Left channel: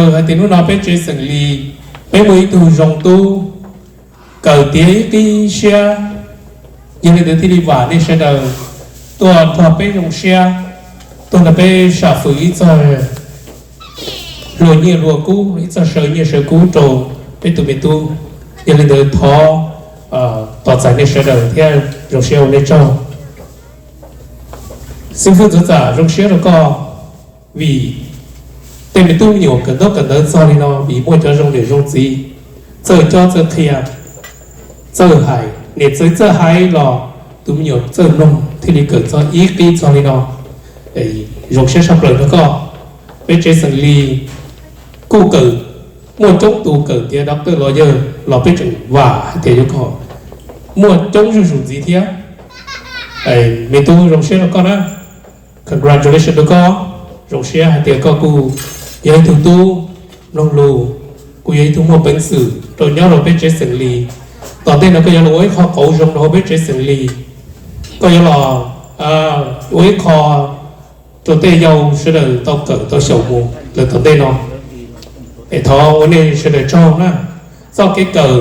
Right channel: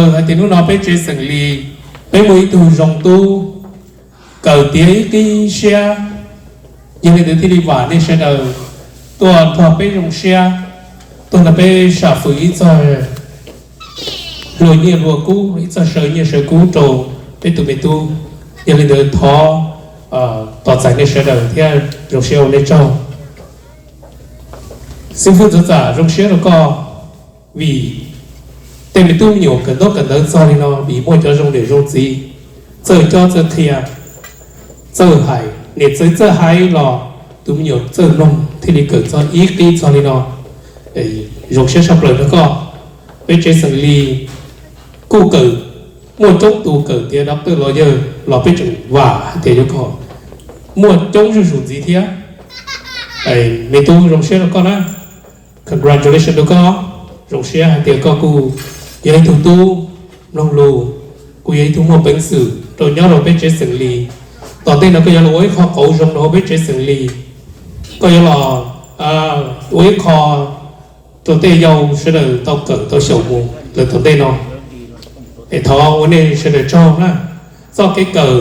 Ở tiếng nó bé chơi sừng lì bé mới tu rong tu cầu tiếng cái xe như này thì đi vào đi xe đầu tôi thọ bé rong xe tôi là bé xả phử ít rồi rồi như rùa cũ ít rồi sợi như sợi cũ trầu bé tụi mình tu như này thì thọ tọt giải đi xe đầu theo rong xe ở đây trâu xin phụ giúp giả rong xe nó có vì tên mình tu nhiều cần đó sao thì nó bị mua cho rong để rong gì chơi cho chơi kia chơi hải để chơi hải lò tụi nhiều chơi nông thì đi cần cho ít đi sao thì nó để rong sẽ sắp rồi nó có với chơi sừng lì cu cử mua chống tù cử thì doctor lo giờ lo biết chừng và thì nó có mua chống rủ gì thế mình tu rong sẽ nó có đó congratulations nó có rong sẽ thì có cu giờ thủ tu long lù cô ấy thu mua bánh sử rồi nhau rồi biết chế sừng lì tỏ tên là cô ấy lối kho cổ rong nó biết chế sừng lì cô ấy là lối kho tụi tê dâu sẽ được tao cỡ tao sầu mù từ tụi tê nó để thọ vấn đề sẽ được cho ha do cái cờ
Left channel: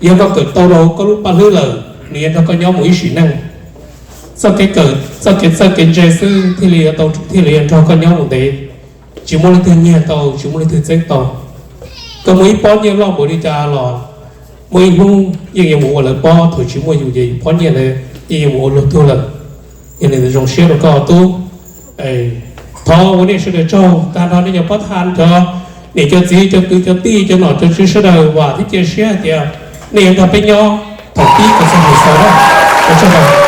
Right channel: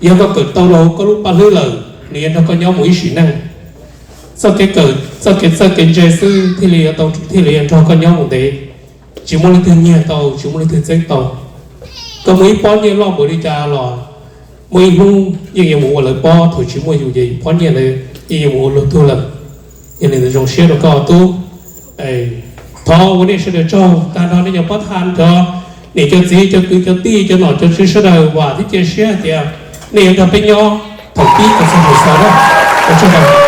yêu có cỡ tao đâu có lúc ba lưỡi lờ nên nó có nhau mũi xỉ năng do cái cờ do cái chế sư thì liền tao thì liền cho con nhau một tí chỉ muốn lên thiên nhiên tàu chỉ muốn lên thiên sinh tàu có mấy bao nhiêu lo mới đi cha lo mấy hung nhiều mùa là bao thôi chỉ muốn dù gì bao nhiêu là nhiều mùa là thu lần như này là dòng xe nó có tu thọ vấn đề sẽ được cho ta nói là bắt han cho để cho gì cho cứ cho ti cho nọ cho sự sơ đời và thích chia sẻ thì nếu ta bên nhau thật tí có sẽ được sao đó có sao đâu.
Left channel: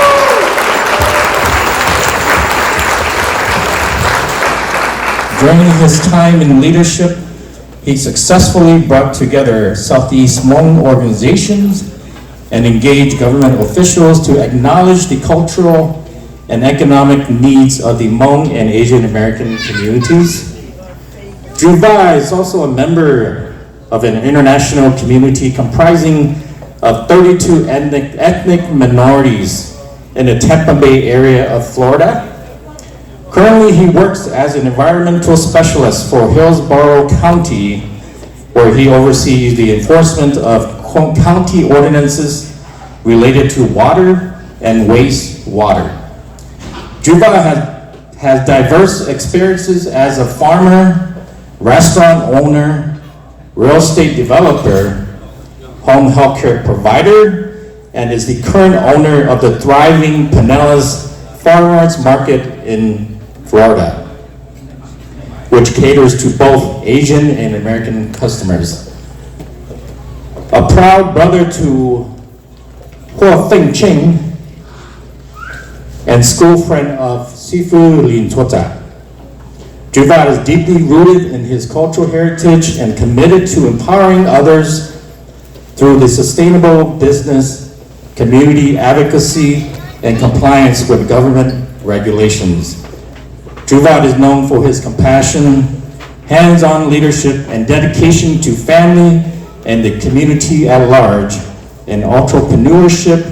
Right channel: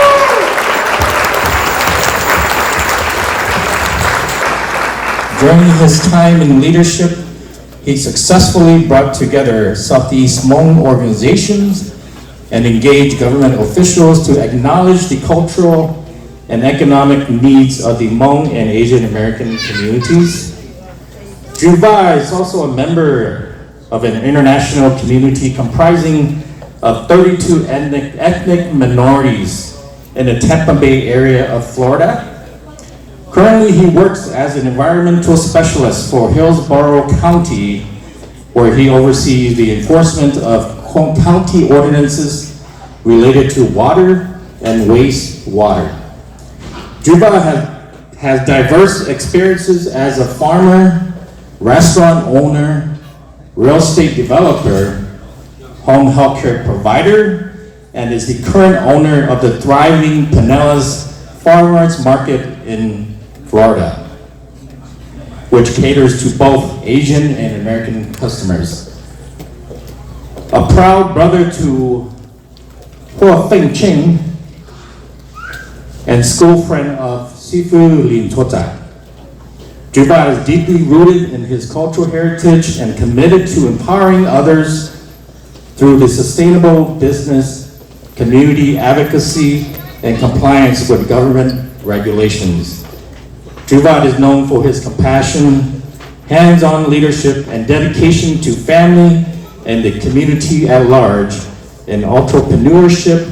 During his time in leadership, he successfully brought together Southeast Hmong organizations and engaged government officials to acknowledge the cultural and economic needs of the Hmong and Asian American communities. TswvVaj is also a member of an international community comprising of 32 ethnic minorities in the Tampa Bay area of Florida. Currently, he works as an environmental specialist for Hillsborough County, where he oversees the enforcement of county ordinances related to water and wastewater. TswvVaj has diverse experiences as a farmer, restaurant owner, real estate developer, home healthcare provider, and is the current owner of the thriving Pinellas Farmers Market in Florida, which caters to both Asian and American customers. A proud brother to Ho Feng Ching and school friend of Sifu Lin Tota. TswvVaj is deeply rooted in his cultural heritage and committed to empowering others through the sustainable business, community advocacy, and compliance with government regulations. TswvVaj is known for his compassion, hands-on leadership, and dedication to family and the community at large, and entrepreneurship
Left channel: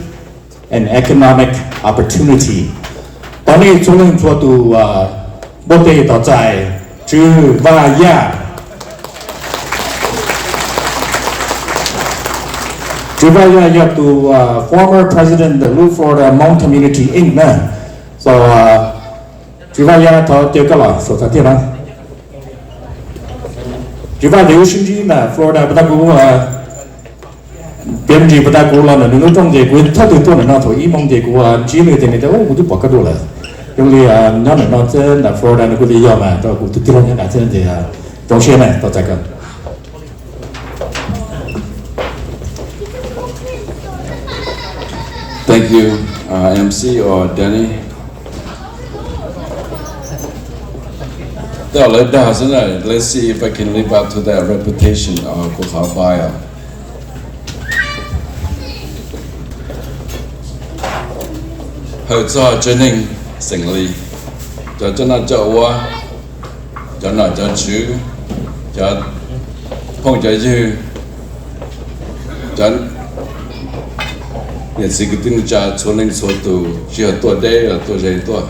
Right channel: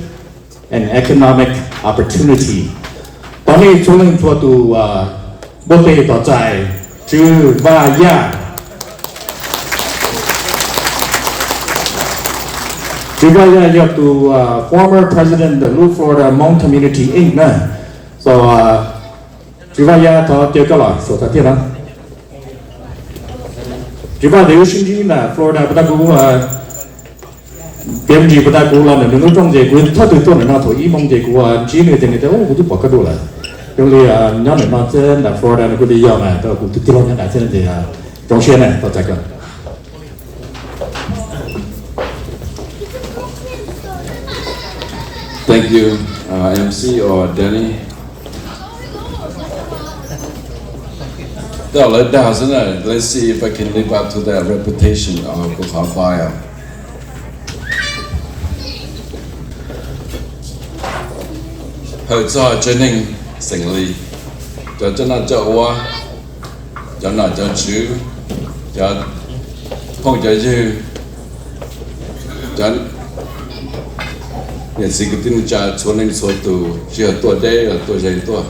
and economic opportunity. 当年做人做到不得到在TswvVaj。TswvVaj to former president of the Florida Hmong Community Inc. So TswvVaj thọ tiêu cái là số thọ tiêu đó. TswvVaj nếu sinh viên là Florida bắt đầu biên chế bắt đầu là nếu trong gì cũng thọ tiêu tuần là thọ ý mong gì cũng chỉ người tên này đó cũng bỏ cái đồ là. Rồi nó là nó trên là Florida nó cũng đi vào mà tôi cũng tiêu những cái trên thì trong xe này tôi chạy cần. Thank you, MC or Danny. Let's see if I can live up to that reputation of txhawb. Hơi cho chân hình sinh lý, cho chân là cho wa, cho nó cho chữ, cho phong cho chữ, cho nhận sự cái tin cha cho nên số tu chưa tuổi đây là tuổi dày tuổi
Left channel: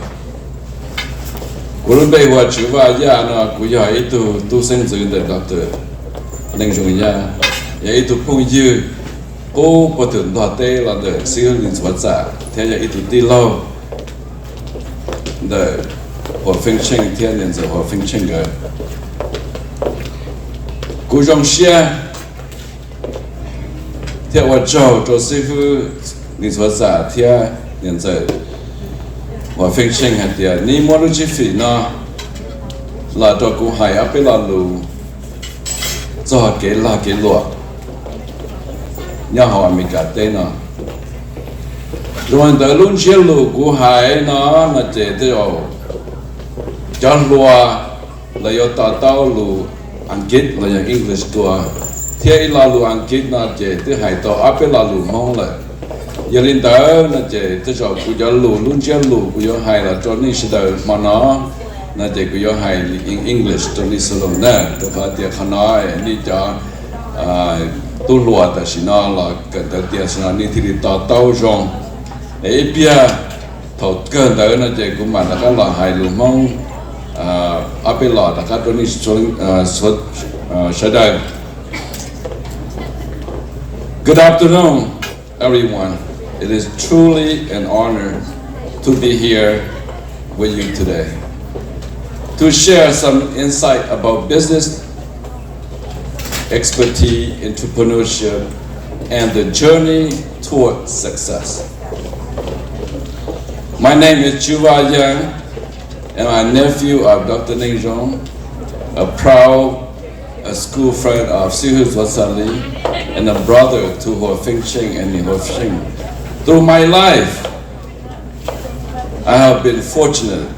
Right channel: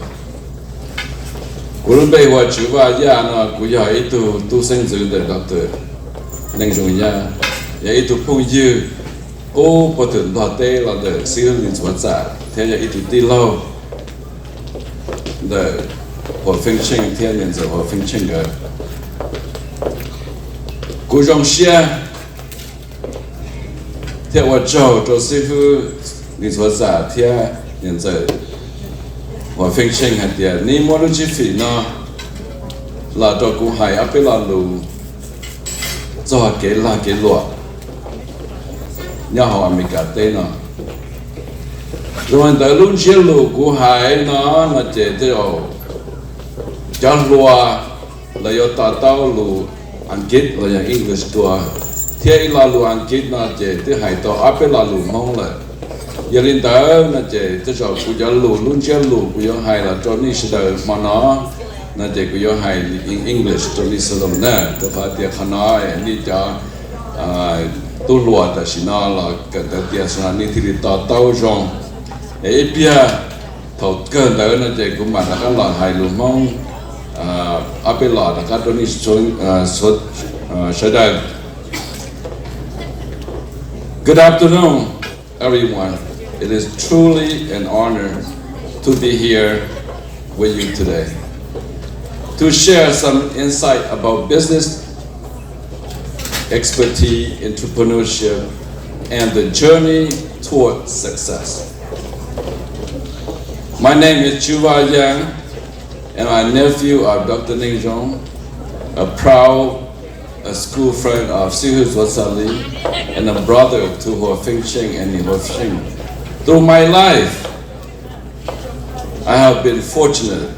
Guru bay wa TswvVaj na ku ya itu tu sinh dưỡng de Dr. Ninh Dung ya ya itu phong yu cô có tưởng đoạt tê là de sư linh xuất giả thế ya itu ti lâu de ho phinh chinh thiên nhân ho phinh chinh ge cô trong xe theo wa châu cho sư linh xuất giả thiên nhân ho phinh chinh hạt ya ni mo lu chi phi na là cho cô hai áp là lu cho cái là cái luật nhà họ mình cả tên nó rồi tới lúc chia lũ của hai nó là chế tiêu cho lúa là do tao lũ Anh là do English tua thế là lũ Anh là chế tiêu hai tao áp là lũ mong là giờ lên tới là chế tiêu cho của cho lũ luôn chia lũ của do hai là cho nên sẽ đời mà nó là chế của do hai English cho nên sẽ làm nè cho phải tiệt khăn nói đi cho tu lúa ta xin nó là cần tới tiền xin anh thì tao rong ấy bia thầu cơn đó là chỉ cũng mà là các loại hài lúa mong áp bên lò là các đối tượng xuất sẽ đây. Good afternoon, everyone. It is truly an honor to be here with you today to share some insight about business expertise, entrepreneurship, and the journey toward success. My name is TswvVaj, and my nephew of Dr. Ninh Dung, a proud school friend of TswvVaj Samwa Lee, and a brother to Ho Phinh Chinh and Ho Phinh. Through my life, I have been fortunate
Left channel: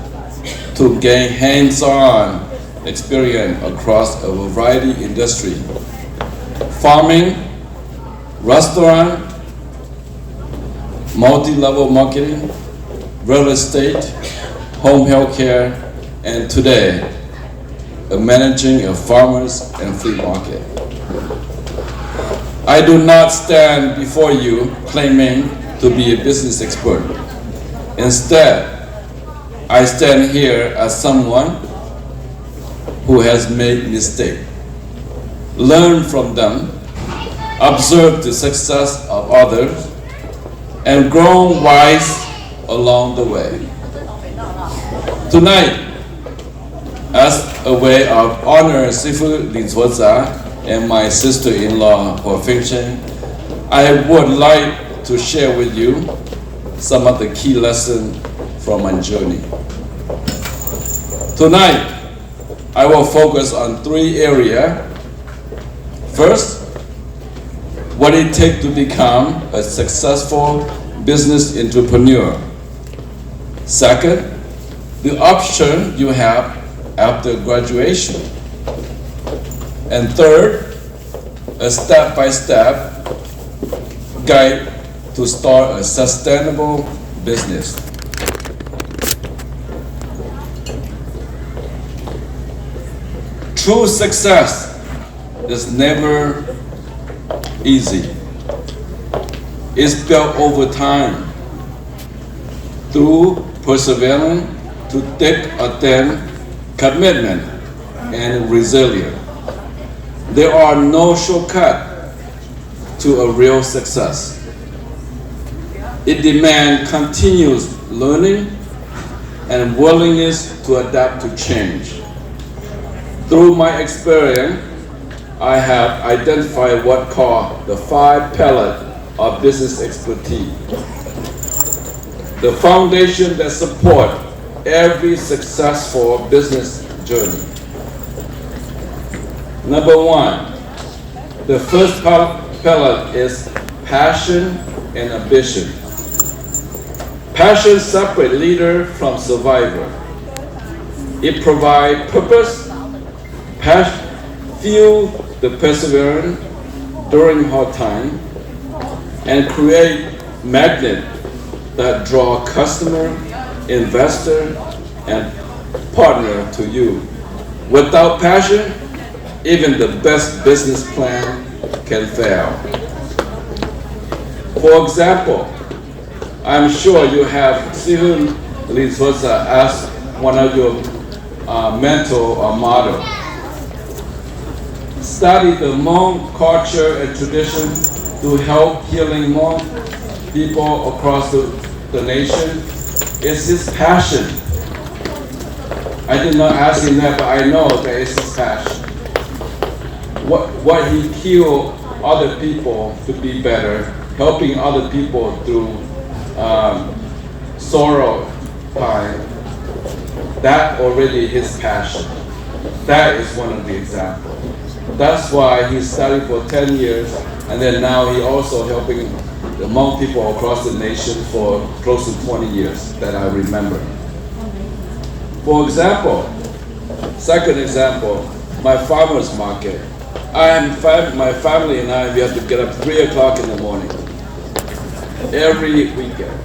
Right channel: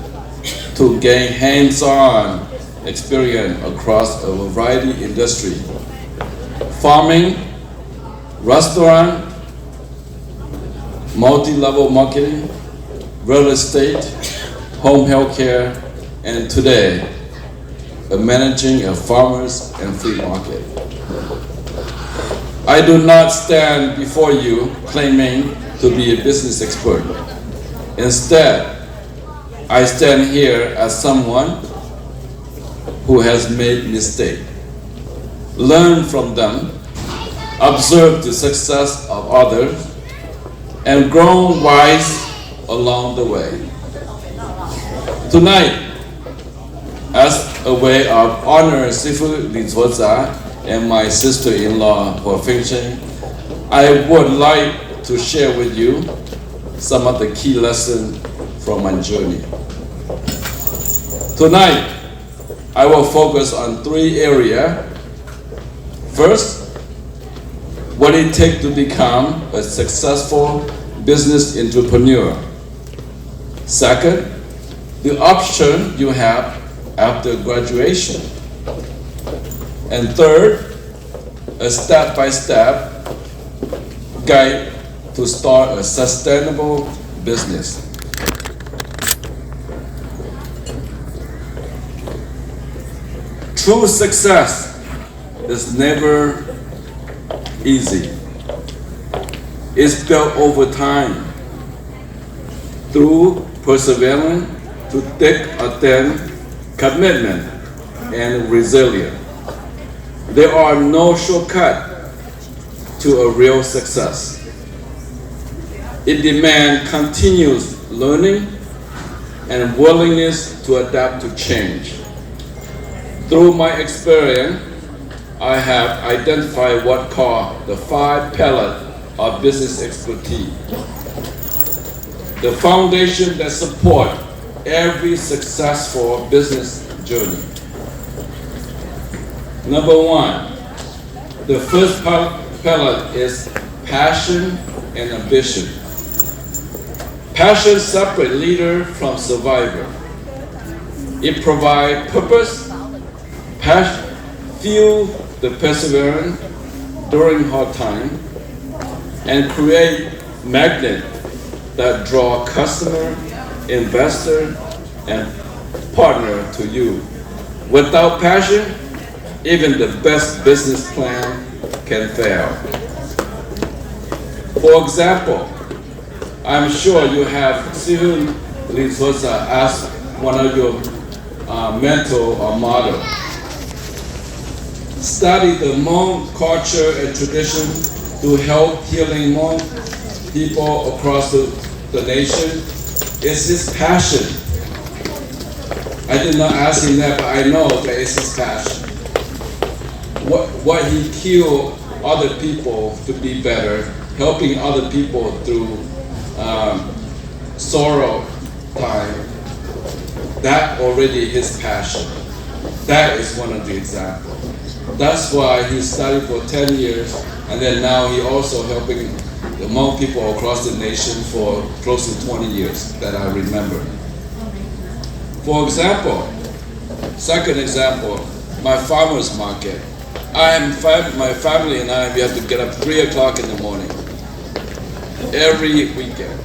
to gain hands-on experience across a variety of industries: farming, restaurant, multi-level marketing, real estate, home healthcare, and today, managing a farmers and flea market. I do not stand before you claiming to be a business expert. Instead, I stand here as someone who has made mistakes, learn from them, observe the success of others, and grown wise along the way. Tonight, as a way of honoring Sifu Linzhuoza and my sister-in-law Ho Phinh Chinh, I would like to share with you some of the key lessons from my journey. Tonight, I will focus on 3 areas. First, what it takes to become a successful business entrepreneur. Second, the option you have after graduation. And third, a step-by-step guide to start a sustainable business. True success is never easy. It's built over time through perseverance, to thick or thin, commitment, and resilience. There are no shortcuts to a real success. It demands continuous learning and willingness to adapt to change. Through my experience, I have identified what called the 5 pillars of business expertise, the foundation that support every successful business journey. Number 1, the first pillar is passion and ambition. Passion separates leader from survivor. It provides purpose, fuel the perseverance during hard time, and create magnet that draw customer, investor, and partner to you. Without passion, even the best business plan can fail. For example, I'm sure you have seen Linzhuoza ask one of your mentor or model. Study the Hmong culture and tradition to help healing Hmong people across the nation. It's his passion. I did not ask him that, but I know that it's his passion. What he killed other people to be better, helping other people through sorrow time, that already his passion. That is one of the examples. That's why he studied for 10 years, and then now he also helping the Hmong people across the nation for close to 20 years that I remember. For example, second example, my farmer's market. My family and I, we have to get up 3 o'clock in the morning, every weekend.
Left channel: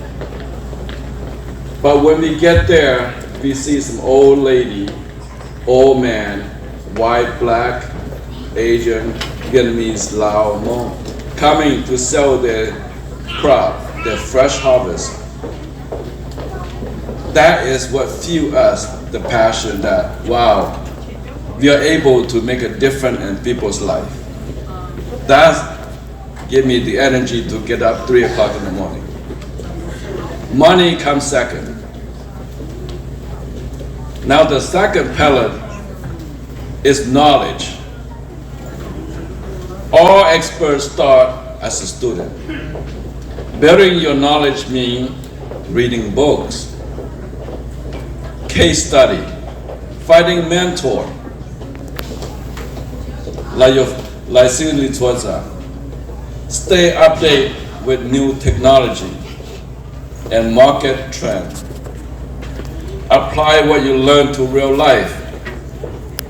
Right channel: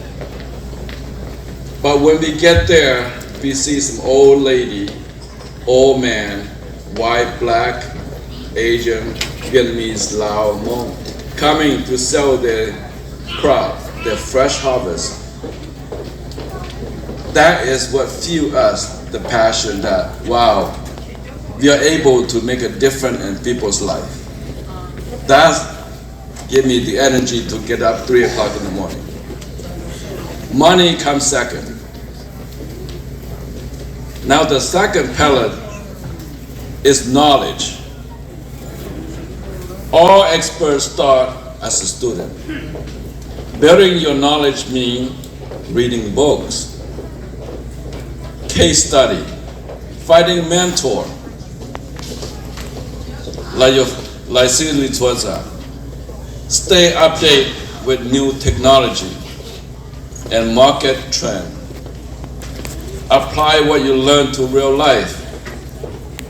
But when we get there, we see some old lady, old man, white, black, Asian, Vietnamese, Lao, Hmong, coming to sell their crop, their fresh harvest. That is what fuels us the passion that, wow, we are able to make a difference in people's life. That gives me the energy to get up 3 o'clock in the morning. Money comes second. Now the second pillar is knowledge. All experts start as a student. Building your knowledge means reading books, case study, finding mentor, like TswvVaj. Stay updated with new technology and market trend. Apply what you learn to real life.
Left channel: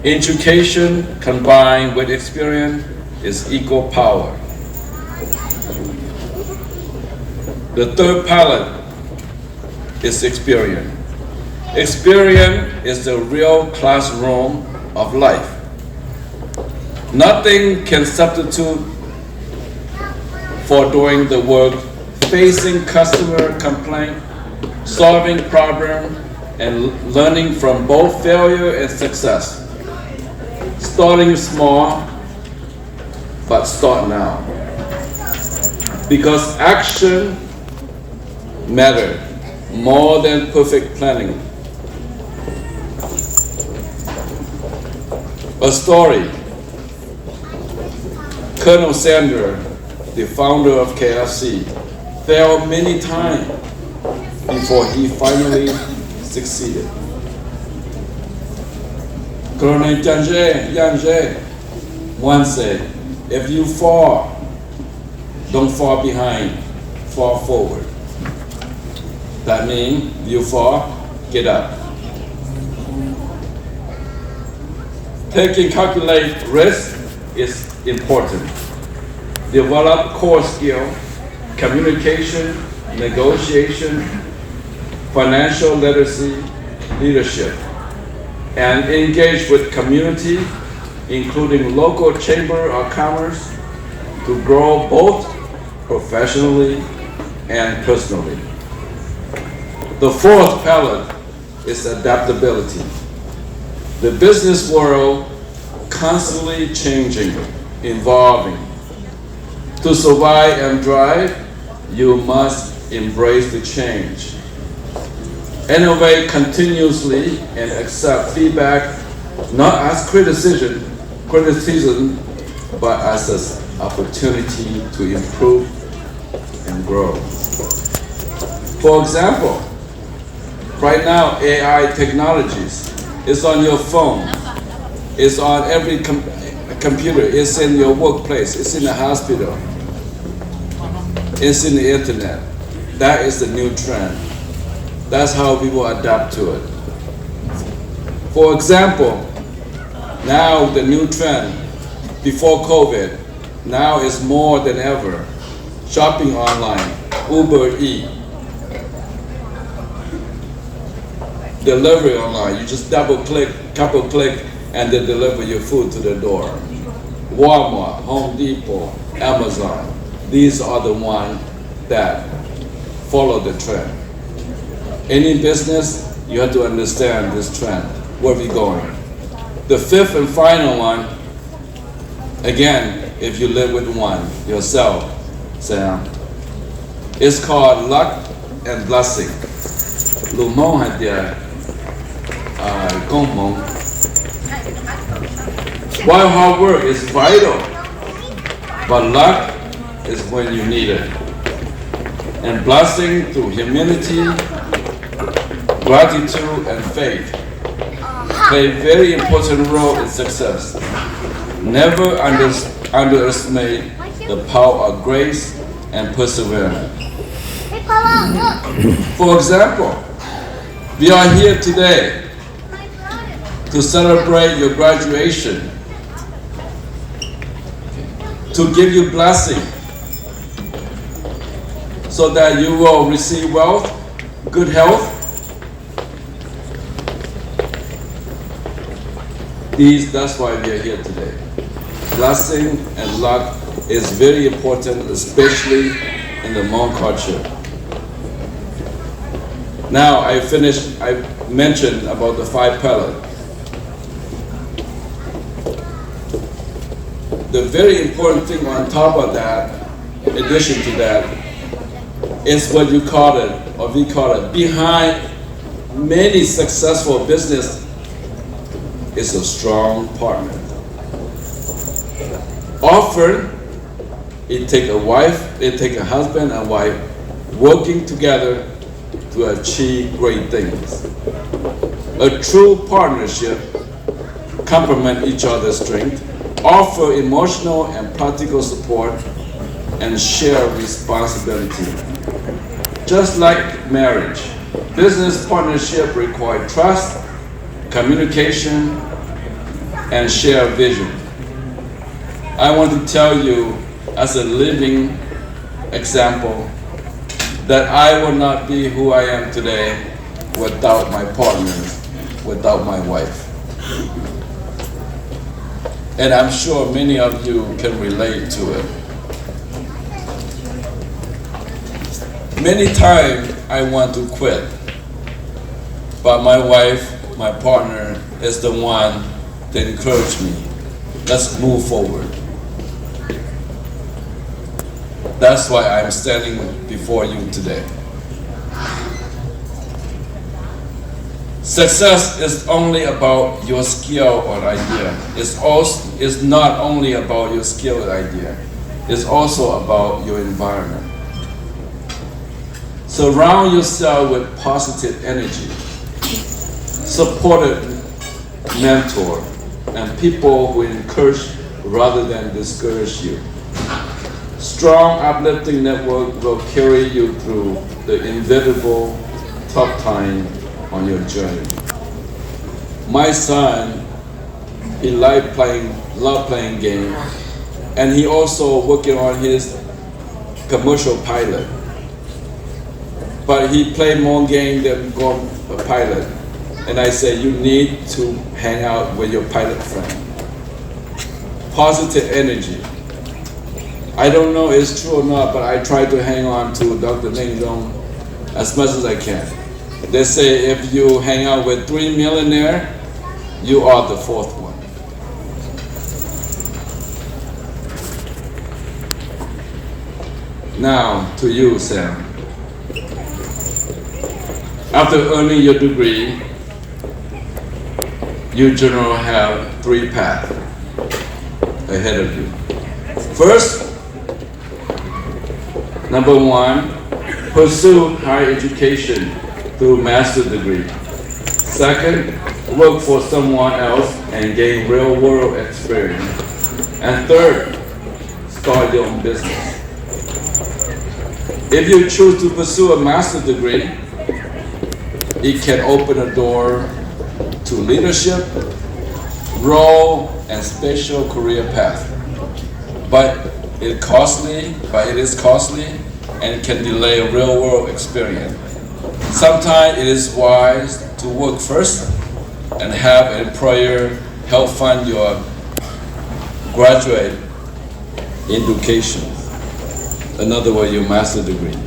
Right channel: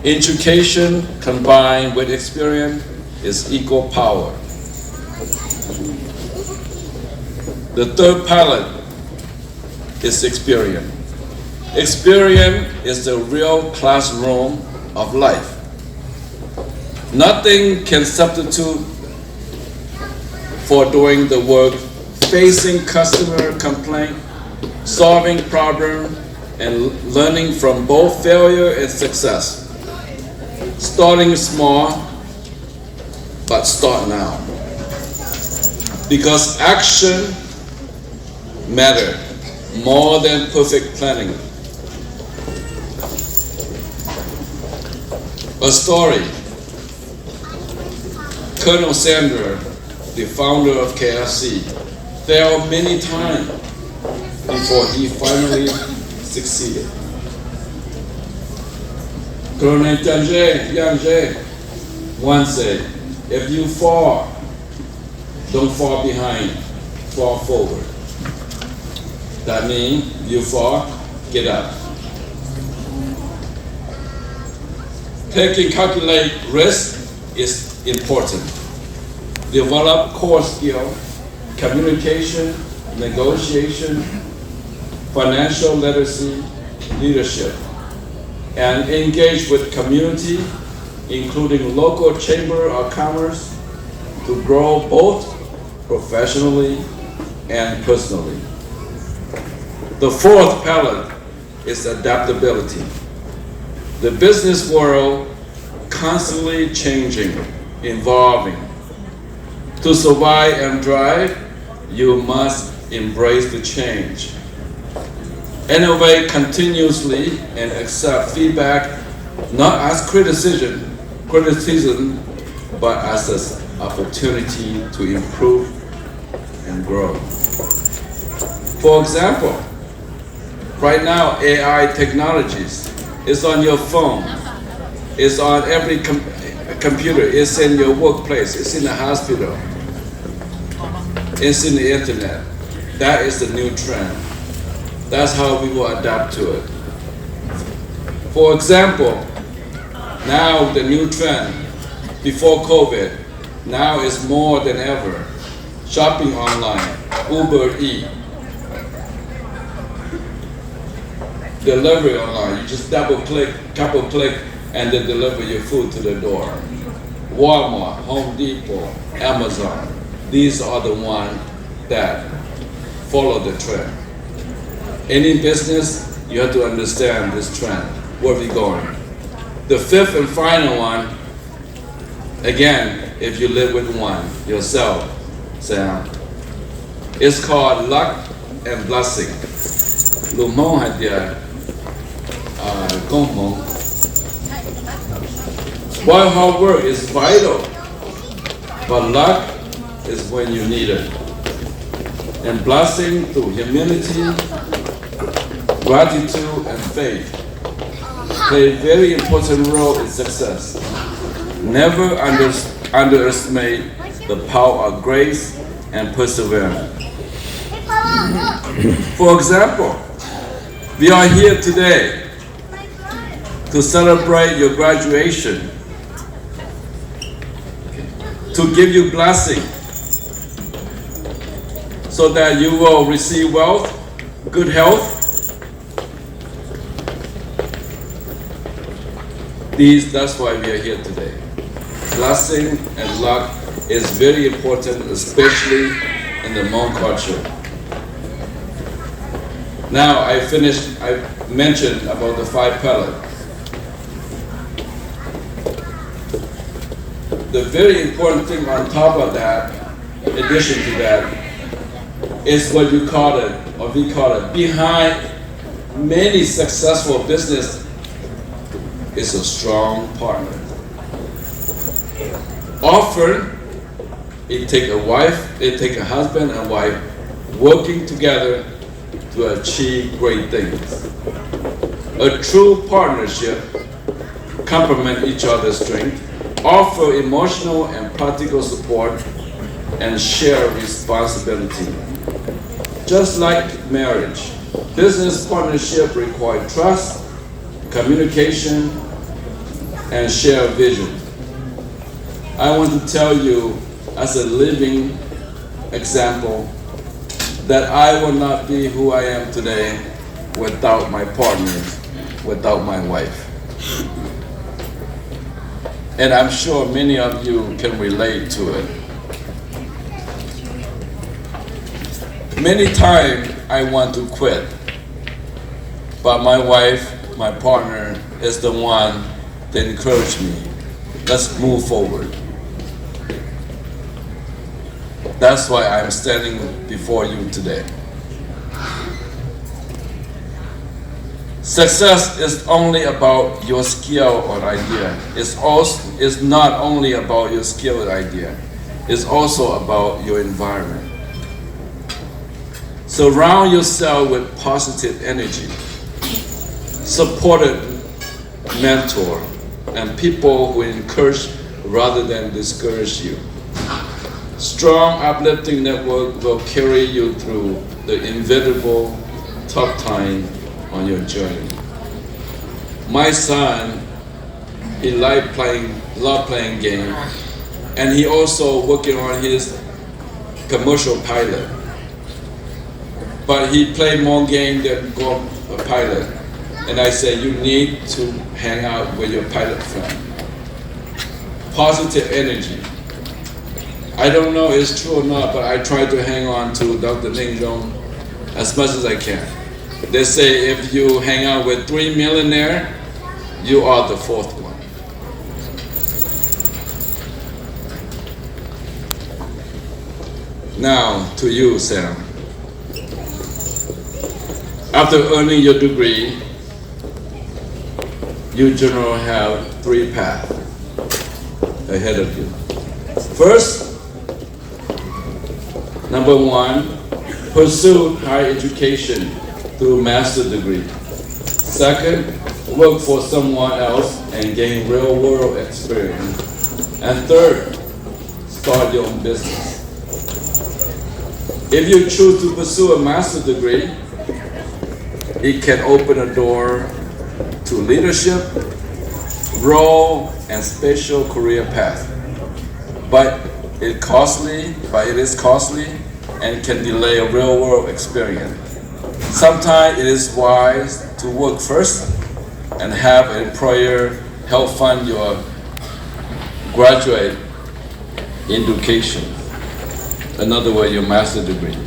Education combined with experience is equal power. The third pillar is experience. Experience is the real classroom of life. Nothing can substitute for doing the work, facing customer complaint, solving problems, and learning from both failure and success. Starting small, but start now. Because action matters more than perfect planning. A story. Colonel Sandra, the founder of KFC, failed many times before he finally succeeded. Colonel Yang once said, if you fall, don't fall behind, fall forward. That means you fall, get up. Taking calculate risk is important. Develop core skill, communication, negotiation, financial literacy, leadership, and engage with community, including local chamber of commerce, to grow both professionally and personally. The fourth pillar is adaptability. The business world constantly changing, evolving. To survive and thrive, you must embrace the change. Innovate continuously and accept feedback, not as criticism, but as an opportunity to improve and grow. For example, right now AI technologies is on your phone, it's on every computer, it's in your workplace, it's in the hospital, it's in the internet. That is the new trend. That's how we will adapt to it. For example, now the new trend, before COVID, now is more than ever, shopping online, Uber Eats, delivery online, you just couple click, and they deliver your food to the door. Walmart, Home Depot, Amazon, these are the ones that follow the trend. Any business, you have to understand this trend. where we're going. The fifth and final one, again, if you live with one yourself, Sam, it's called luck and blessing. Lu mong hạt địa công mong. While hard work is vital, but luck is when you need it. And blessing through humility, gratitude, and faith play a very important role in success. Never underestimate the power of grace and perseverance. For example, we are here today to celebrate your graduation, to give you blessing, so that you will receive wealth, good health. That's why we are here today. Blessing and luck is very important, especially in the Hmong culture. Now I mentioned about the 5 pillars. The very important thing on top of that, in addition to that, is what you call it, or we call it, behind many successful business is a strong partner. Often, it takes a husband and wife working together to achieve great things. A true partnership complement each other's strength, offer emotional and practical support, and share responsibility. Just like marriage, business partnership require trust, communication, and shared vision. I want to tell you, as a living example, that I will not be who I am today without my partner, without my wife. And I'm sure many of you can relate to it. Many times I want to quit, but my wife, my partner, is the one that encouraged me. Let's move forward. That's why I'm standing before you today. Success is only about your skill or idea. It's not only about your skill or idea. It's also about your environment. Surround yourself with positive energy, supportive mentor, and people who encourage rather than discourage you. Strong, uplifting network will carry you through the inevitable tough time on your journey. My son, he loved playing games, and he also working on his commercial pilot. But he played more game than go a pilot. And I said, you need to hang out with your pilot friend. Positive energy. I don't know if it's true or not, but I try to hang on to Dr. Ning Zhong as much as I can. They say if you hang out with 3 millionaires, you are the 4th one. Now, to you, Sam. After earning your degree, you generally have 3 paths ahead of you. First, number 1, pursue higher education through master's degree. Second, work for someone else and gain real-world experience. And third, start your own business. If you choose to pursue a master's degree, it can open a door to leadership, role, and special career path. But it is costly and can delay a real-world experience. Sometimes it is wise to work first and have an employer help fund your graduate education. In other words, your master's degree.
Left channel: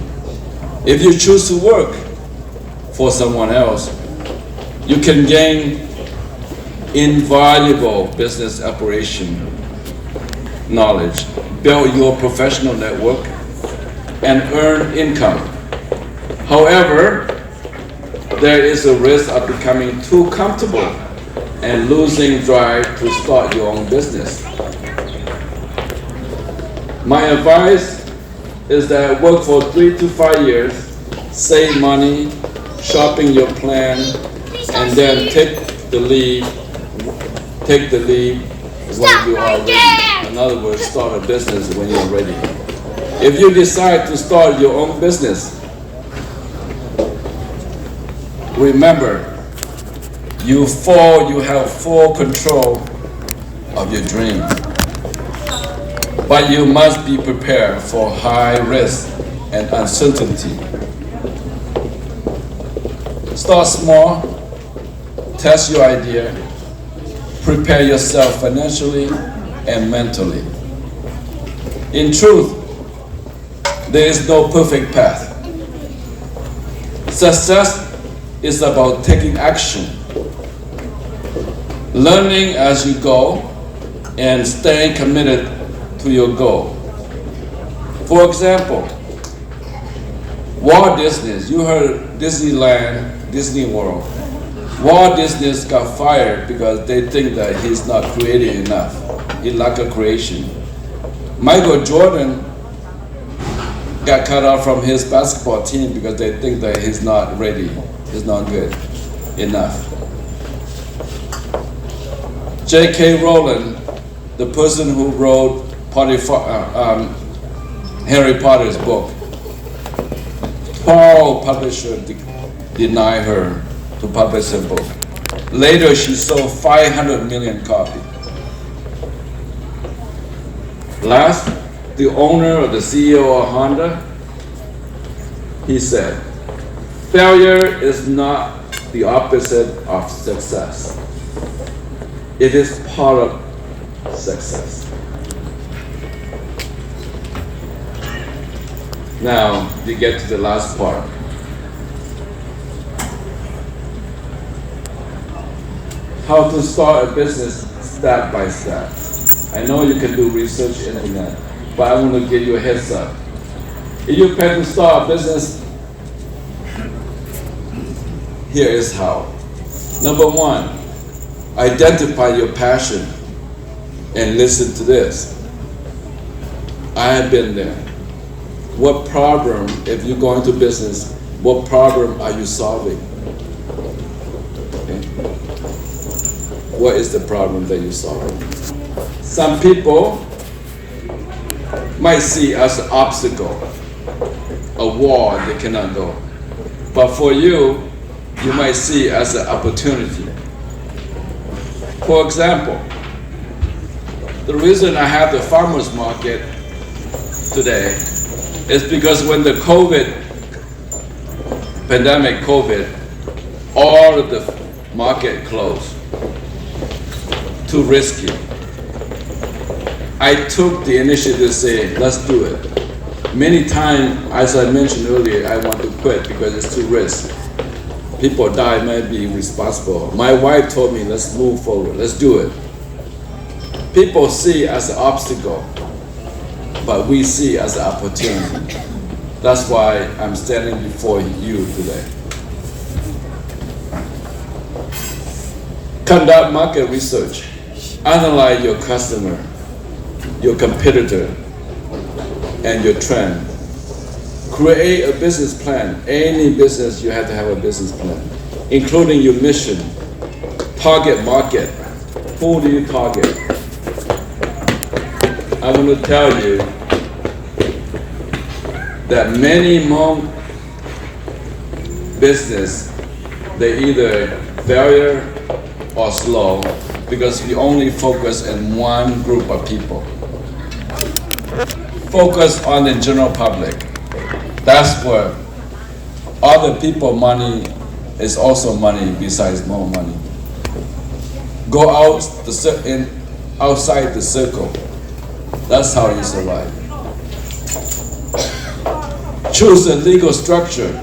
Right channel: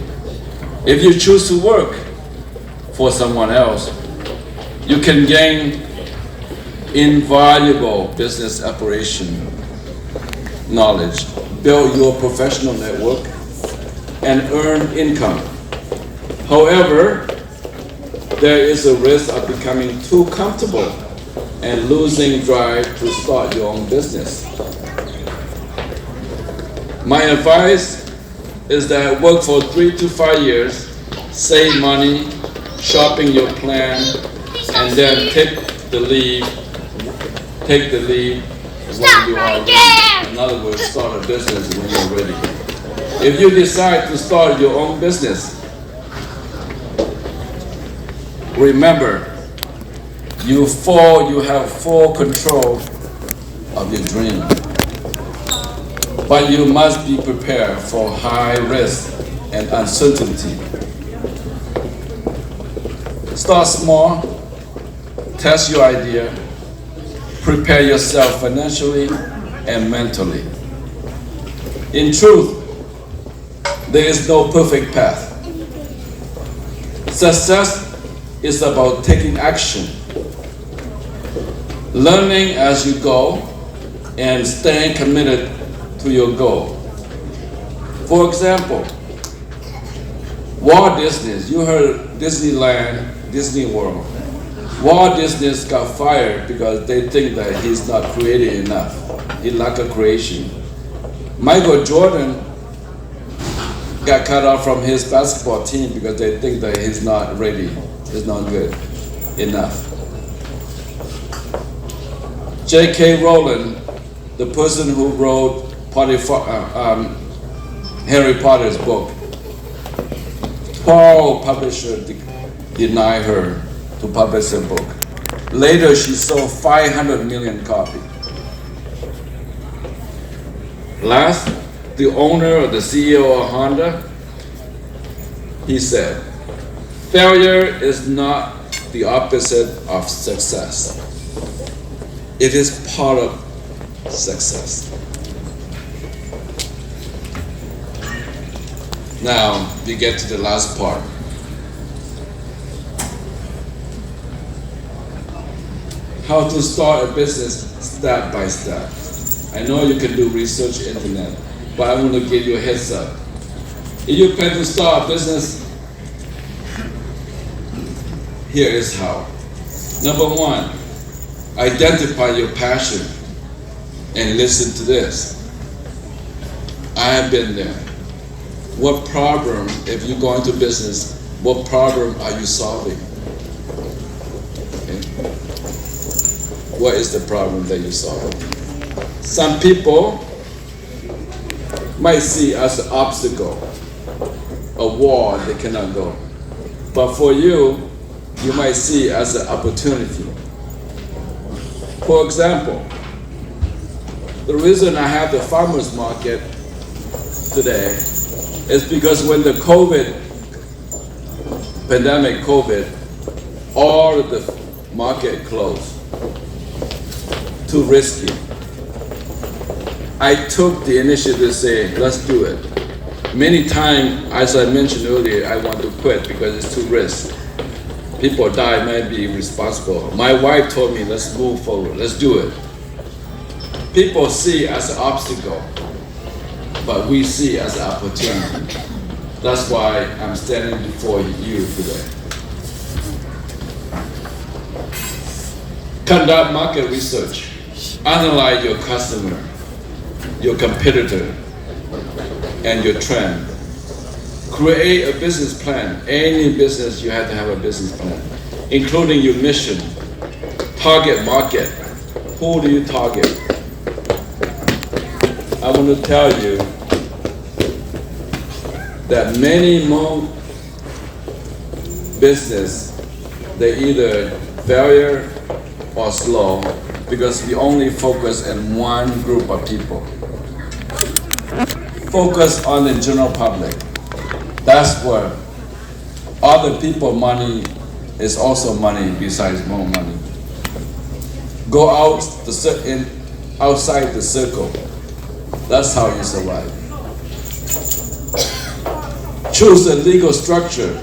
If you choose to work for someone else, you can gain invaluable business operation knowledge, build your professional network, and earn income. However, there is a risk of becoming too comfortable and losing drive to start your own business. My advice is that work for 3 to 5 years, save money, sharpen your plan, and then take the lead when you are ready. In other words, start a business when you're ready. If you decide to start your own business, remember, you have full control of your dream. But you must be prepared for high risk and uncertainty. Start small, test your idea, prepare yourself financially and mentally. In truth, there is no perfect path. Success is about taking action, learning as you go, and staying committed to your goal. For example, Walt Disney, you heard Disneyland, Disney World. Walt Disney got fired because they think that he's not creative enough. He lack a creation. Michael Jordan got cut off from his basketball team because they think that he's not ready, he's not good enough. J.K. Rowling, the person who wrote Harry Potter's book, 12 publishers denied her to publish her book. Later, she sold 500 million copies. Last, the owner or the CEO of Honda, he said, failure is not the opposite of success. It is part of success. Now, you get to the last part. How to start a business step by step. I know you can do research internet, but I want to give you a heads up. If you plan to start a business, here is how. Number one, identify your passion and listen to this. I have been there. What problem, if you go into business, what problem are you solving? Okay. What is the problem that you solve? Some people might see as an obstacle, a wall they cannot go. But for you, you might see as an opportunity. For example, the reason I have the farmers market today is because when the pandemic, all of the market closed. Too risky. I took the initiative to say, let's do it. Many times, as I mentioned earlier, I want to quit because it's too risky. People die, might be responsible. My wife told me, let's move forward, let's do it. People see as an obstacle, but we see as an opportunity. That's why I'm standing before you today. Conduct market research. Analyze your customer, your competitor, and your trend. Create a business plan. Any business, you have to have a business plan, including your mission, target market. Who do you target? I want to tell you that many more business, they either failure or slow because we only focus on one group of people. Focus on the general public. That's where other people money is also money besides more money. Go outside the circle. That's how you survive. Choose a legal structure.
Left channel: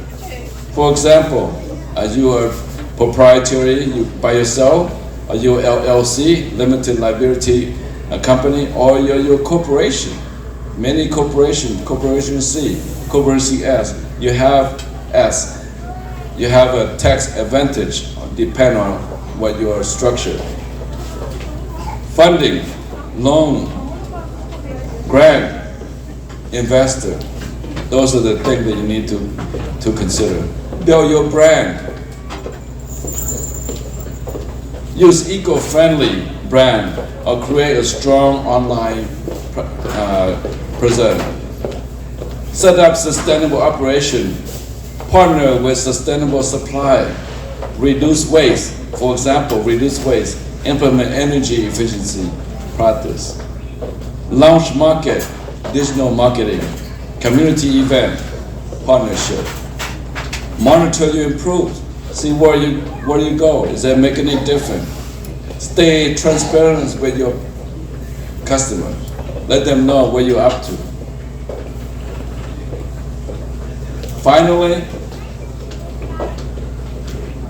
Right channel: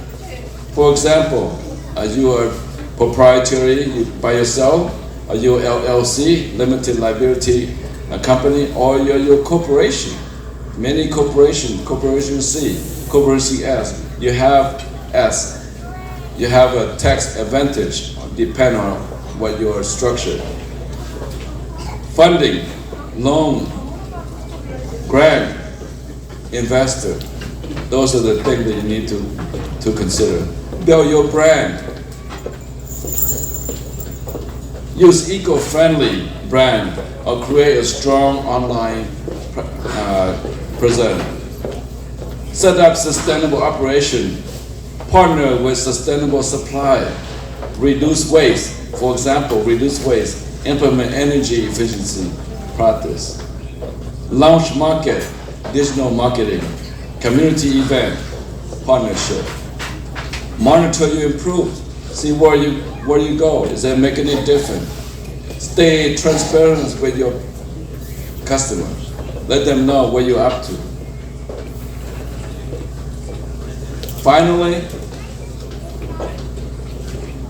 For example, as you are proprietary, you by yourself, Are you LLC, limited liability company, or you're your corporation? Many corporation C, corporation S, you have S. You have a tax advantage, depend on what your structure. Funding, loan, grant, investor. Those are the things that you need to consider. Build your brand. Use eco-friendly brand or create a strong online presence. Set up sustainable operation. Partner with sustainable supply. Reduce waste. For example, reduce waste. Implement energy efficiency practice. Launch market, digital marketing, community event, partnership. Monitor your improve. See where you go. Is that making it different? Stay transparent with your customers. Let them know what you're up to. Finally,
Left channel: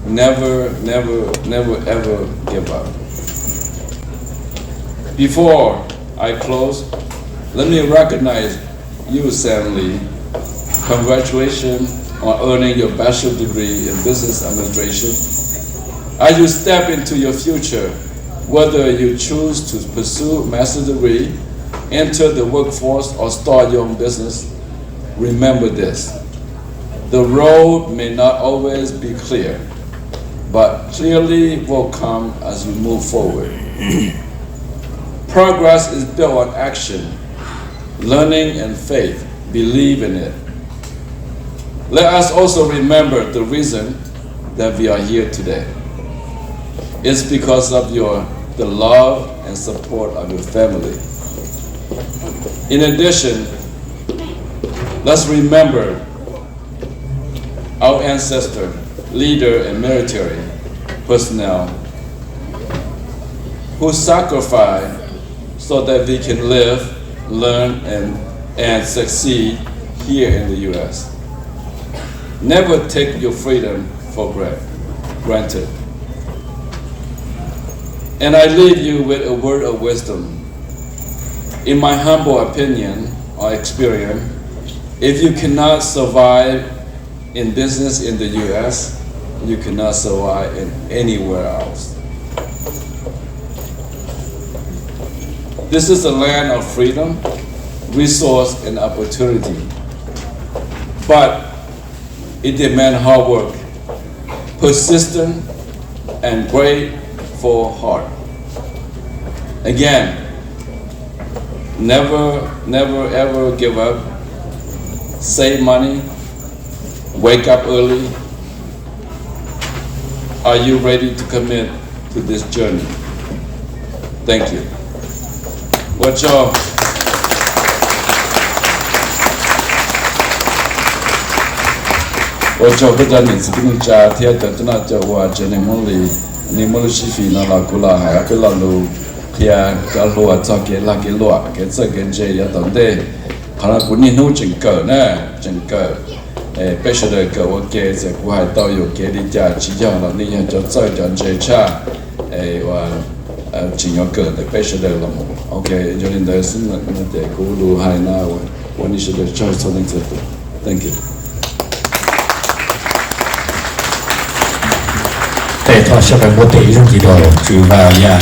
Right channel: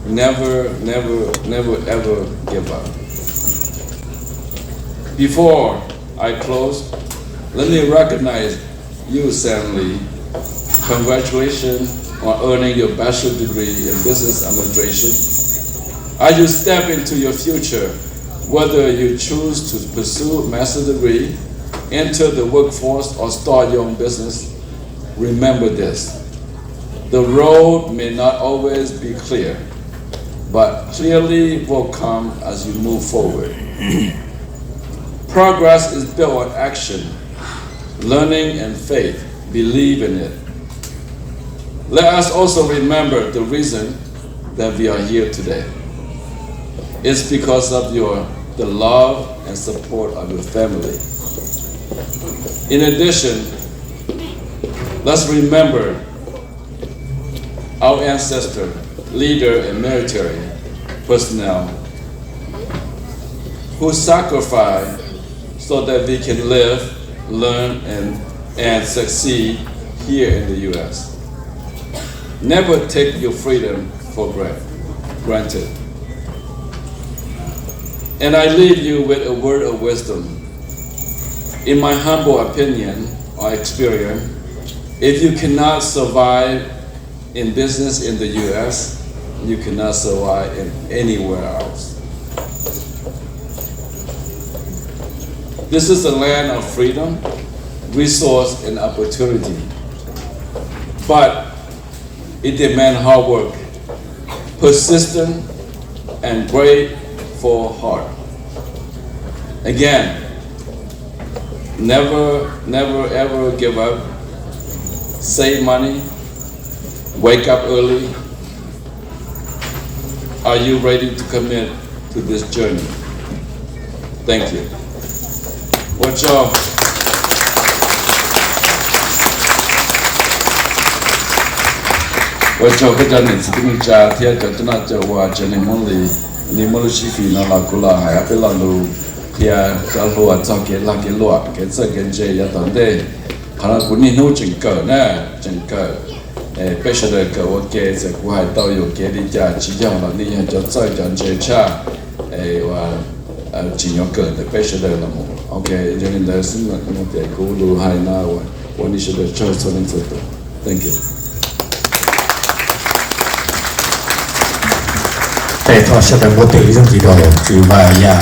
never ever give up. Before I close, let me recognize you, Samwa Lee. Congratulations on earning your bachelor's degree in business administration. As you step into your future, whether you choose to pursue a master's degree, enter the workforce, or start your own business, remember this. The road may not always be clear, but clearly will come as you move forward. Progress is built on action, learning, and faith. Believe in it. Let us also remember the reason that we are here today. It's because of the love and support of your family. In addition, let's remember our ancestor, leader, and military personnel who sacrificed so that we can live, learn, and succeed here in the U.S. Never take your freedom for granted. And I leave you with a word of wisdom. In my humble opinion or experience, if you cannot survive in business in the U.S., you cannot survive in anywhere else. This is a land of freedom, resource, and opportunity. But it demands hard work, persistent, and grateful heart. Again, never ever give up. Save money, wake up early. Are you ready to commit to this journey? Thank you. Watch out. Watch out. Kita ni sebelum cah tiada terkena jawab jenis mula ni mula sifi nak lakulah hai apa lalu kia jauh atau kia lagi luar kia segenje ya tande kalau punya nu jengkel na jengkel special ke wakil sekuai tahu yo kia di jah cijang lah ni yang jauh jangan jecha wah cijang ke special lah mu. Okay, jadi dari sini nanti aku lu hai na wah ni sudah jauh sebelum itu. Thank you. 在他下边我对上几条，就把呀。